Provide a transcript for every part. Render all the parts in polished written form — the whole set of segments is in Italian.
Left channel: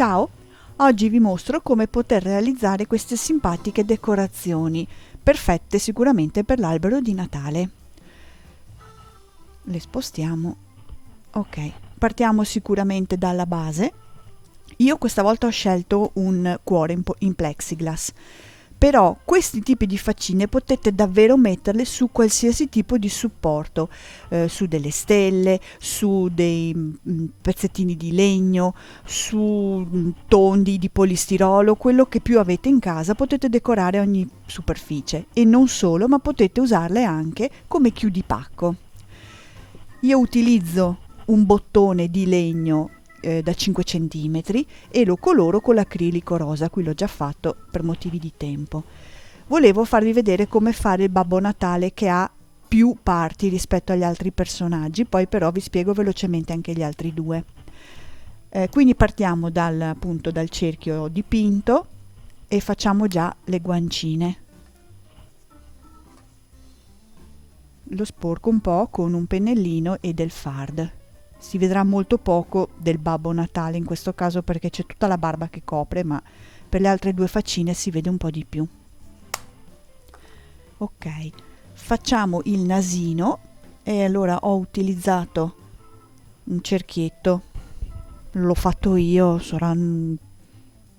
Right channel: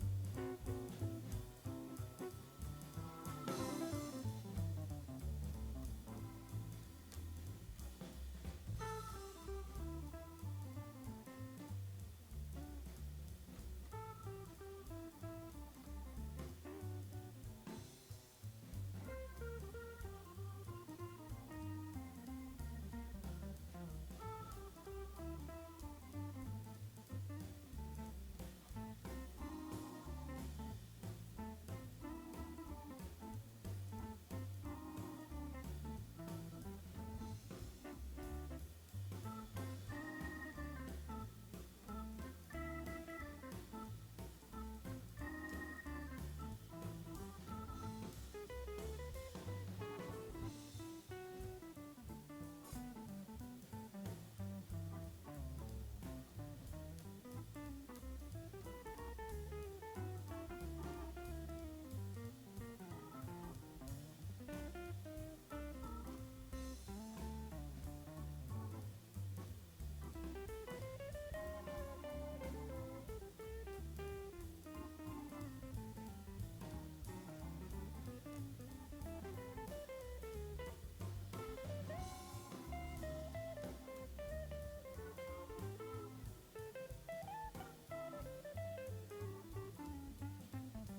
Ciao! Oggi vi mostro come poter realizzare queste simpatiche decorazioni, perfette sicuramente per l'albero di Natale. Le spostiamo. Ok, partiamo sicuramente dalla base. Io questa volta ho scelto un cuore in plexiglass. Però questi tipi di faccine potete davvero metterle su qualsiasi tipo di supporto, su delle stelle, su dei pezzettini di legno, su tondi di polistirolo, quello che più avete in casa, potete decorare ogni superficie e non solo, ma potete usarle anche come chiudipacco. Io utilizzo un bottone di legno da 5 cm e lo coloro con l'acrilico rosa, qui l'ho già fatto per motivi di tempo. Volevo farvi vedere come fare il Babbo Natale, che ha più parti rispetto agli altri personaggi, poi però vi spiego velocemente anche gli altri due. Quindi partiamo appunto dal cerchio dipinto e facciamo già le guancine. Lo sporco un po' con un pennellino e del fard. Si vedrà molto poco del Babbo Natale in questo caso perché c'è tutta la barba che copre, ma per le altre due faccine si vede un po' di più. Ok, facciamo il nasino e allora ho utilizzato un cerchietto, l'ho fatto io, saranno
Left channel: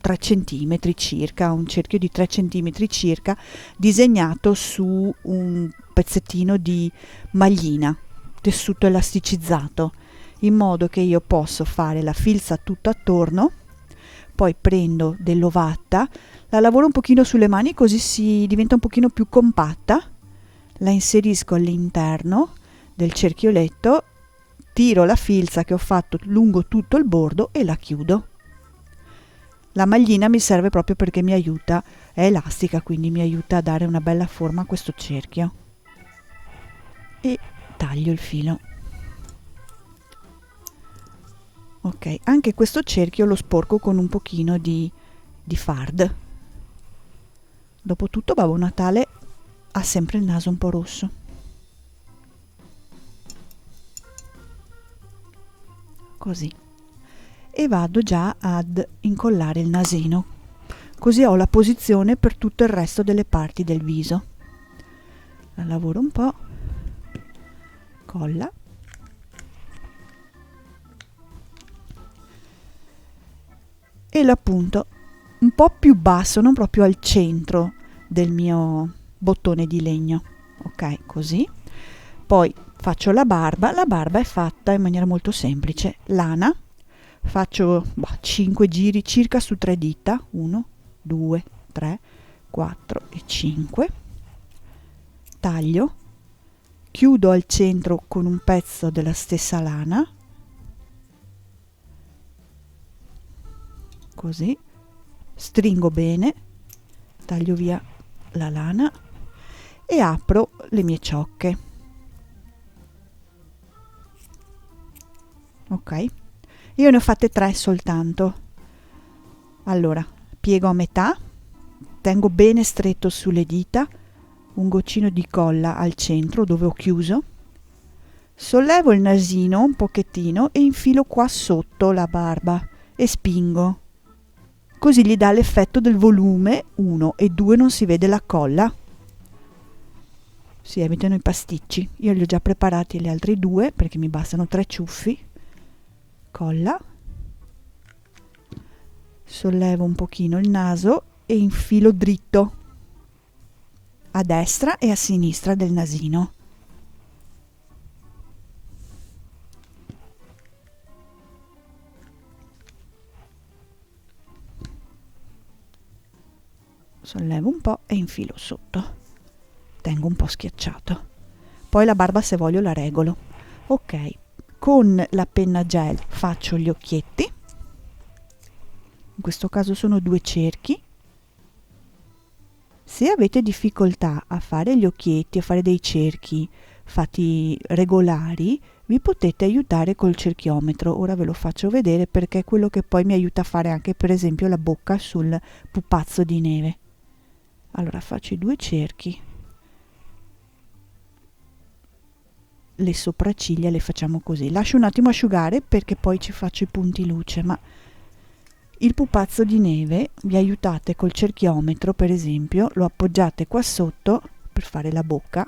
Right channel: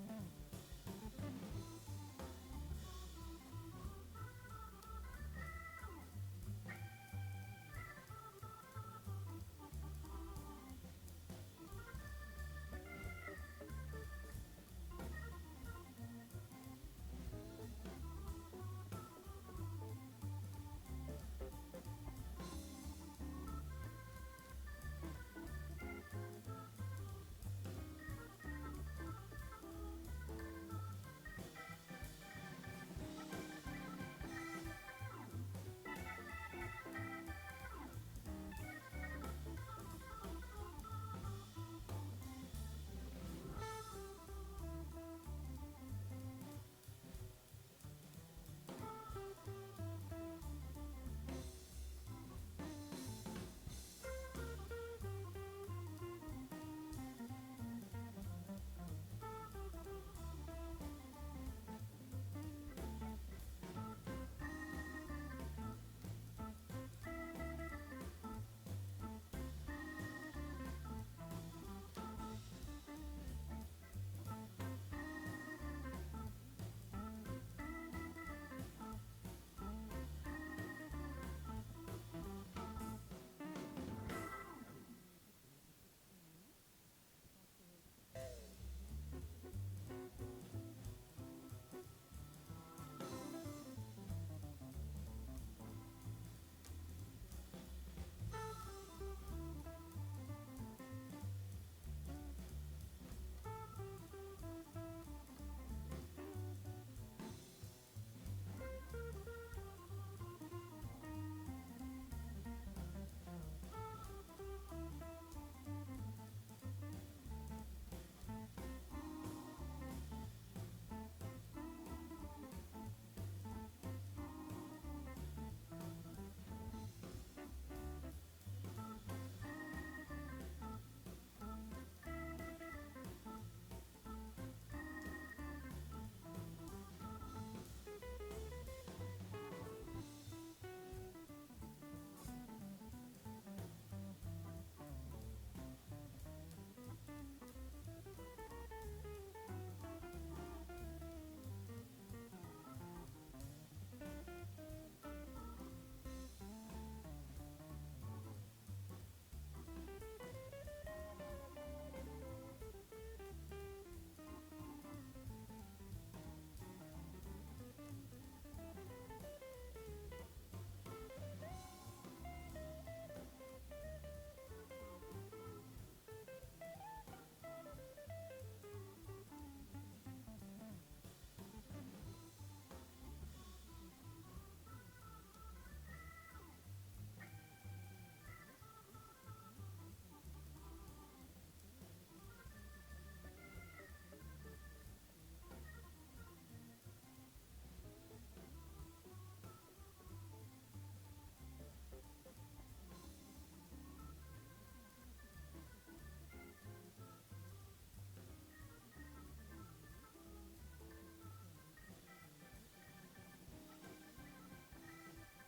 3 cm circa, un cerchio di 3 cm circa, disegnato su un pezzettino di maglina, tessuto elasticizzato, in modo che io posso fare la filza tutto attorno. Poi prendo dell'ovatta, la lavoro un pochino sulle mani così si diventa un pochino più compatta, la inserisco all'interno del cerchioletto, tiro la filza che ho fatto lungo tutto il bordo e la chiudo. La maglina mi serve proprio perché mi aiuta, è elastica, quindi mi aiuta a dare una bella forma a questo cerchio. E taglio il filo. Ok, anche questo cerchio lo sporco con un pochino di fard. Dopotutto Babbo Natale ha sempre il naso un po' rosso. Così. E vado già ad incollare il nasino. Così ho la posizione per tutto il resto delle parti del viso. La lavoro un po'. Colla. E lo appunto un po' più basso, non proprio al centro del mio bottone di legno. Ok, così. Poi faccio la barba è fatta in maniera molto semplice. Lana, faccio 5 giri circa su 3 dita, 1, 2, 3, 4 e 5. Taglio, chiudo al centro con un pezzo della stessa lana, così, stringo bene, taglio via la lana e apro le mie ciocche. Ok, io ne ho fatte 3 soltanto. Allora, piego a metà, tengo bene stretto sulle dita, un goccino di colla al centro dove ho chiuso, sollevo il nasino un pochettino e infilo qua sotto la barba e spingo. Così gli dà l'effetto del volume, 1 e 2 non si vede la colla. Si evitano i pasticci. Io li ho già preparati gli altri 2 perché mi bastano 3 ciuffi. Colla. Sollevo un pochino il naso e infilo dritto a destra e a sinistra del nasino. Sollevo un po' e infilo sotto. Tengo un po' schiacciato. Poi la barba, se voglio, la regolo. Ok, con la penna gel faccio gli occhietti. In questo caso sono 2 cerchi. Se avete difficoltà a fare gli occhietti, a fare dei cerchi fatti regolari, vi potete aiutare col cerchiometro. Ora ve lo faccio vedere perché è quello che poi mi aiuta a fare anche per esempio la bocca sul pupazzo di neve. Allora faccio i 2 cerchi. Le sopracciglia le facciamo così. Lascio un attimo asciugare perché poi ci faccio i punti luce, ma il pupazzo di neve vi aiutate col cerchiometro, per esempio, lo appoggiate qua sotto per fare la bocca.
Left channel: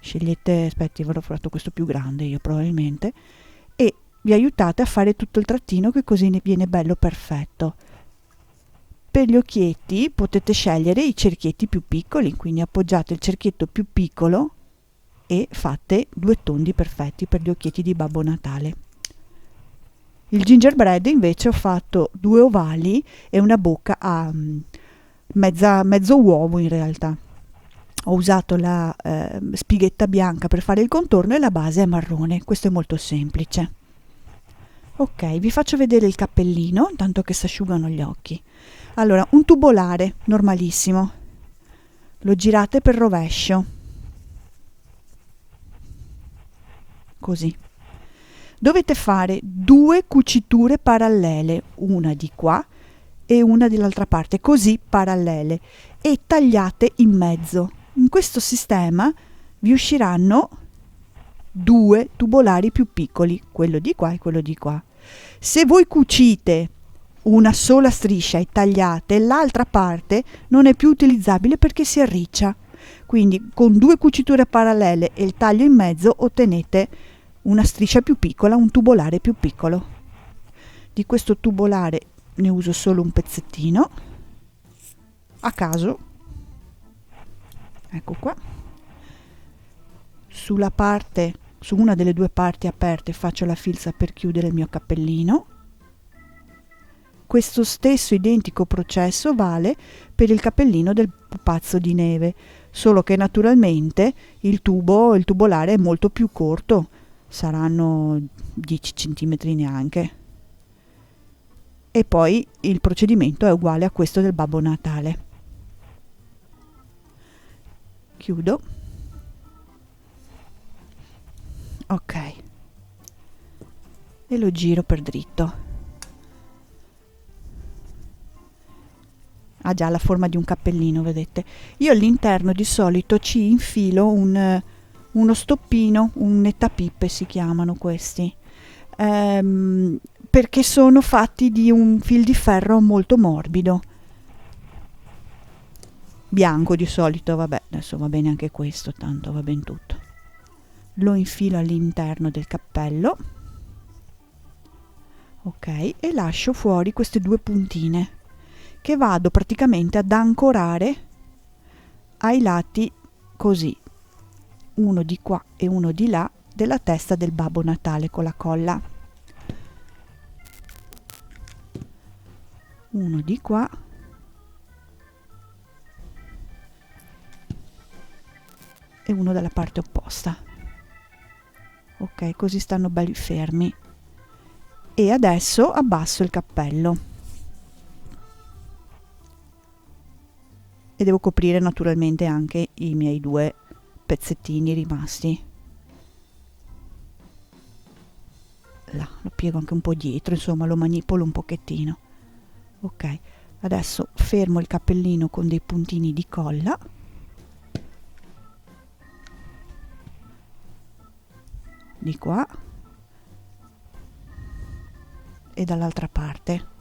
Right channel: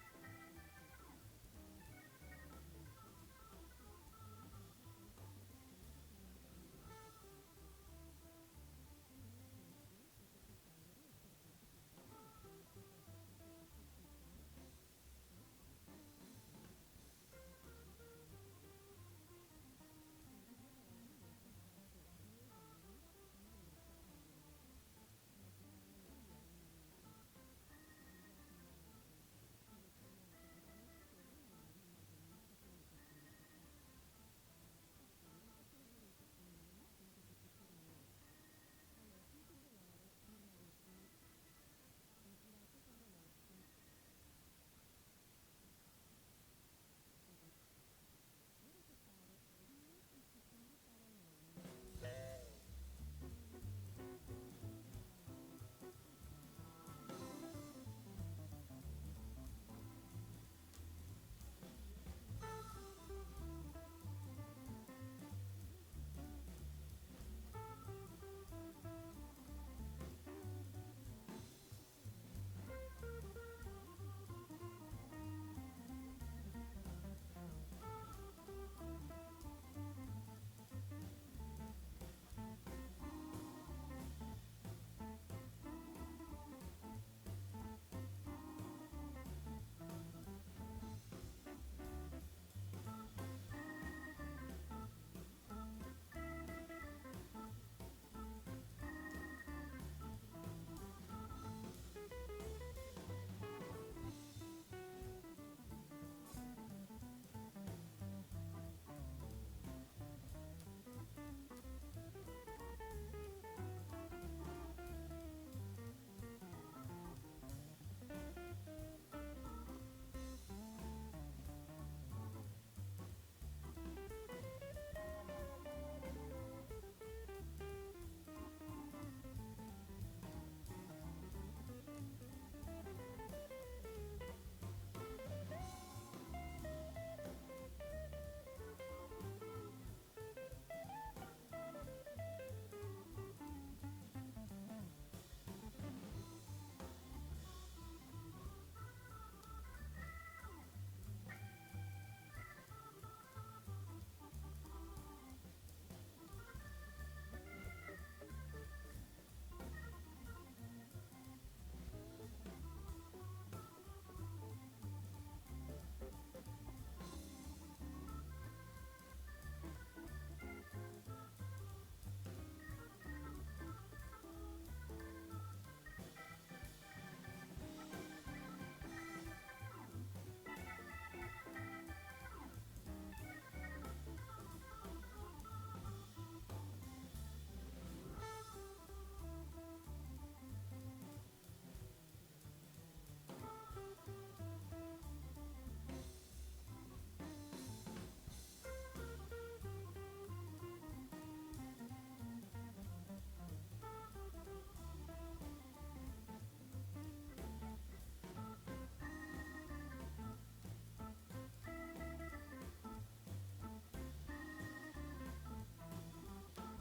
Scegliete, aspetti, avrò fatto questo più grande io probabilmente, e vi aiutate a fare tutto il trattino, che così ne viene bello perfetto. Per gli occhietti potete scegliere i cerchietti più piccoli, quindi appoggiate il cerchietto più piccolo e fate 2 tondi perfetti per gli occhietti di Babbo Natale. Il gingerbread invece ho fatto 2 ovali e una bocca a mezzo uovo in realtà. Ho usato la spighetta bianca per fare il contorno e la base è marrone. Questo è molto semplice. Ok, vi faccio vedere il cappellino, tanto che si asciugano gli occhi. Allora, un tubolare normalissimo. Lo girate per rovescio. Così. Dovete fare 2 cuciture parallele, una di qua e una dall'altra parte, così parallele, e tagliate in mezzo. In questo sistema vi usciranno 2 tubolari più piccoli, quello di qua e quello di qua. Se voi cucite una sola striscia e tagliate, l'altra parte non è più utilizzabile perché si arriccia. Quindi con 2 cuciture parallele e il taglio in mezzo ottenete una striscia più piccola, un tubolare più piccolo. Di questo tubolare ne uso solo un pezzettino a caso. Ecco qua. Sulla parte, su una delle 2 parti aperte faccio la filza per chiudere il mio cappellino. Questo stesso identico processo vale per il cappellino del pupazzo di neve, solo che naturalmente il tubolare è molto più corto, saranno 10 cm neanche. E poi il procedimento è uguale a questo del Babbo Natale. Chiudo. Ok. E lo giro per dritto. Ha già la forma di un cappellino, vedete. Io all'interno di solito ci infilo uno stoppino, un nettapippe si chiamano questi, perché sono fatti di un fil di ferro molto morbido, bianco di solito, vabbè, adesso va bene anche questo, tanto va bene tutto. Lo infilo all'interno del cappello, ok, e lascio fuori queste 2 puntine che vado praticamente ad ancorare ai lati così, uno di qua e uno di là, della testa del Babbo Natale con la colla. Uno di qua e uno dalla parte opposta. Ok, così stanno belli fermi. E adesso abbasso il cappello. E devo coprire naturalmente anche i miei 2 pezzettini rimasti. Là, lo piego anche un po' dietro, insomma lo manipolo un pochettino. Ok, adesso fermo il cappellino con dei puntini di colla. Di qua e dall'altra parte.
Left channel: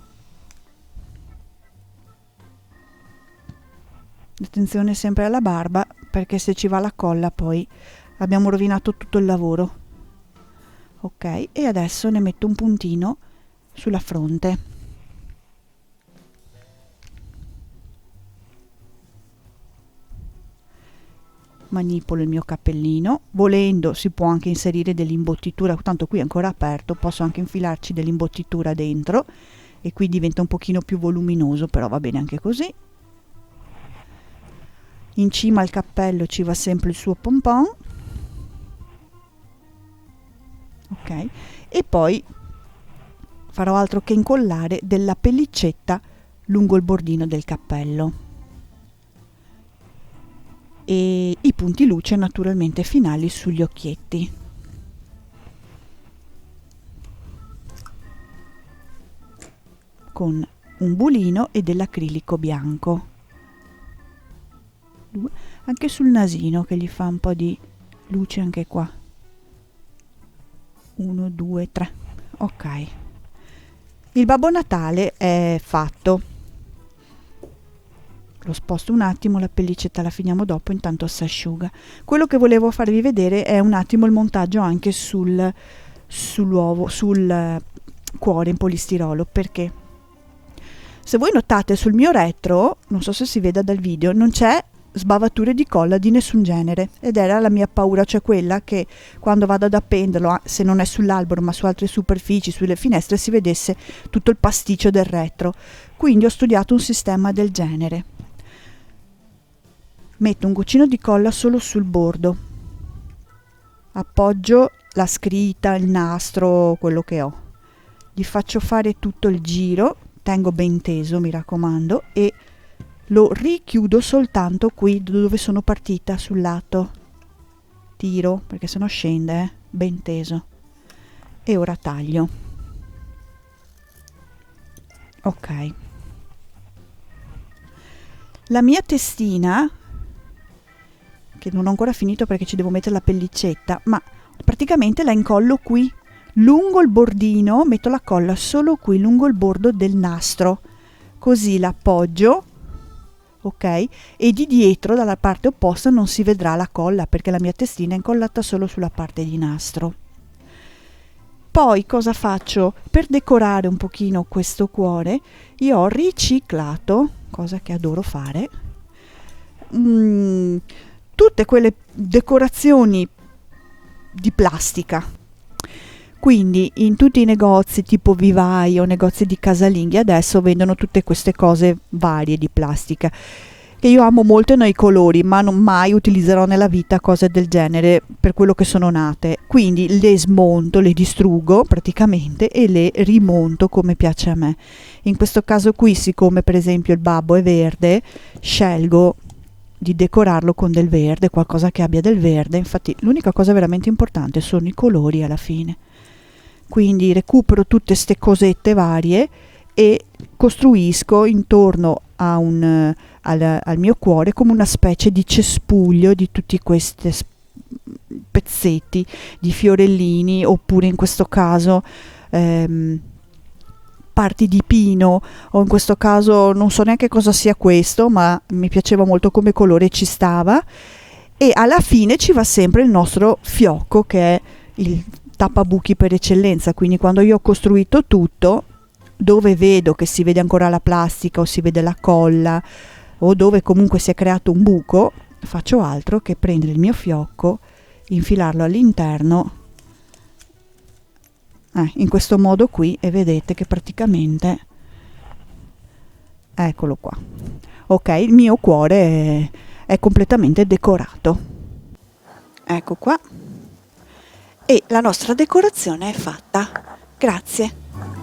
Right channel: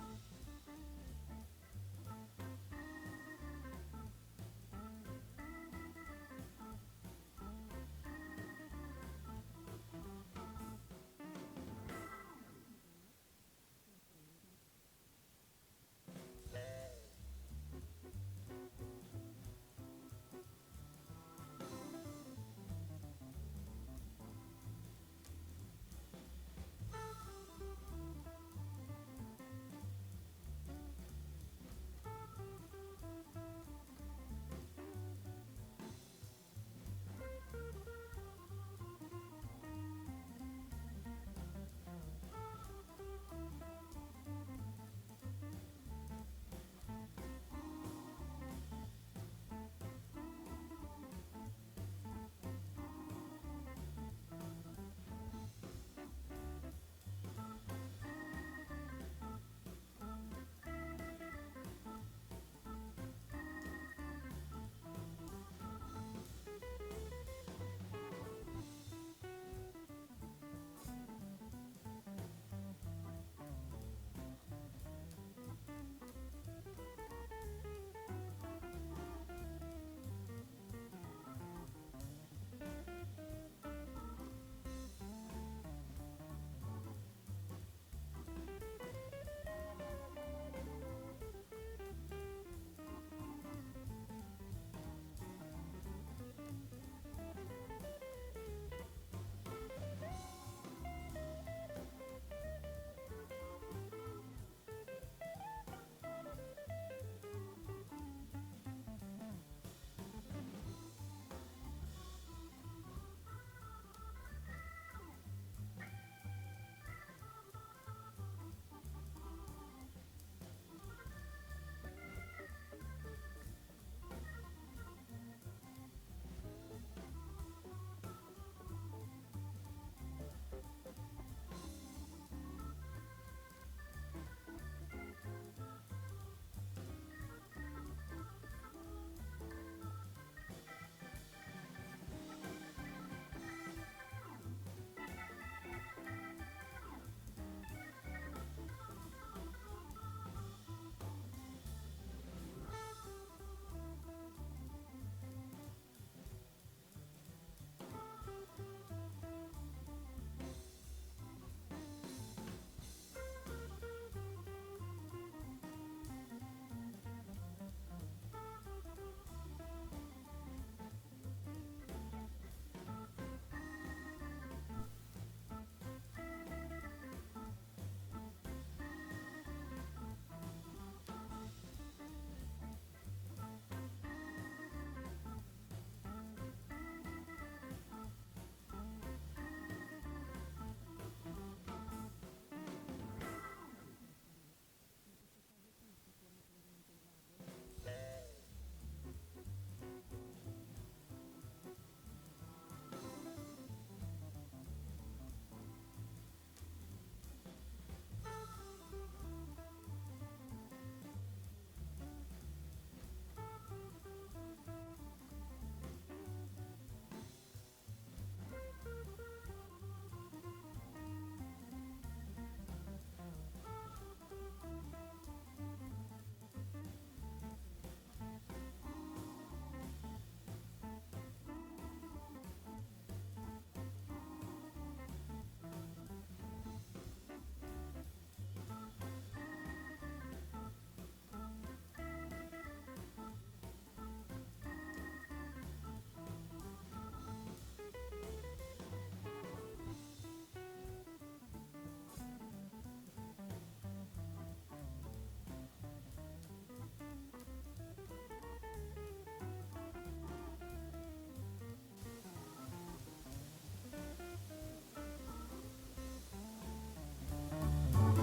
Attenzione sempre alla barba, perché se ci va la colla poi abbiamo rovinato tutto il lavoro. Ok, e adesso ne metto un puntino sulla fronte. Manipolo il mio cappellino, volendo si può anche inserire dell'imbottitura, tanto qui è ancora aperto, posso anche infilarci dell'imbottitura dentro e qui diventa un pochino più voluminoso, però va bene anche così. In cima al cappello ci va sempre il suo pompon, ok, e poi farò altro che incollare della pellicetta lungo il bordino del cappello e i punti luce naturalmente finali sugli occhietti. Con un bulino e dell'acrilico bianco. Anche sul nasino che gli fa un po' di luce anche qua. 1, 2, 3. Ok. Il Babbo Natale è fatto. Lo sposto un attimo, la pellicetta la finiamo dopo, intanto si asciuga. Quello che volevo farvi vedere è un attimo il montaggio anche sull'uovo, sul cuore in polistirolo, perché se voi notate sul mio retro, non so se si veda dal video, non c'è sbavature di colla di nessun genere, ed era la mia paura, cioè quella che quando vado ad appenderlo, se non è sull'albero ma su altre superfici, sulle finestre, si vedesse tutto il pasticcio del retro. Quindi ho studiato un sistema del genere. Metto un goccino di colla solo sul bordo, appoggio la scritta, il nastro, quello che ho, gli faccio fare tutto il giro, tengo ben teso, mi raccomando, e lo richiudo soltanto qui dove sono partita, sul lato. Tiro, perché sennò scende, ben teso. E ora taglio. Ok. La mia testina, che non ho ancora finito perché ci devo mettere la pellicetta, ma praticamente la incollo qui, lungo il bordino, metto la colla solo qui, lungo il bordo del nastro. Così l'appoggio, ok? E di dietro, dalla parte opposta, non si vedrà la colla, perché la mia testina è incollata solo sulla parte di nastro. Poi cosa faccio? Per decorare un pochino questo cuore, io ho riciclato, cosa che adoro fare, tutte quelle decorazioni di plastica. Quindi in tutti i negozi tipo vivai o negozi di casalinghi adesso vendono tutte queste cose varie di plastica, che io amo molto nei colori, ma non mai utilizzerò nella vita cose del genere per quello che sono nate. Quindi le smonto, le distruggo praticamente e le rimonto come piace a me. In questo caso qui, siccome per esempio il babbo è verde, scelgo di decorarlo con del verde, qualcosa che abbia del verde. Infatti l'unica cosa veramente importante sono i colori alla fine. Quindi recupero tutte ste cosette varie e costruisco intorno a al mio cuore come una specie di cespuglio di tutti questi pezzetti di fiorellini, oppure in questo caso parti di pino, o in questo caso non so neanche cosa sia questo, ma mi piaceva molto come colore, ci stava. E alla fine ci va sempre il nostro fiocco, che è il tappabuchi per eccellenza. Quindi quando io ho costruito tutto, dove vedo che si vede ancora la plastica o si vede la colla, o dove comunque si è creato un buco, faccio altro che prendere il mio fiocco, infilarlo all'interno in questo modo qui, e vedete che praticamente, eccolo qua, ok, il mio cuore è completamente decorato. Ecco qua, e la nostra decorazione è fatta. Grazie.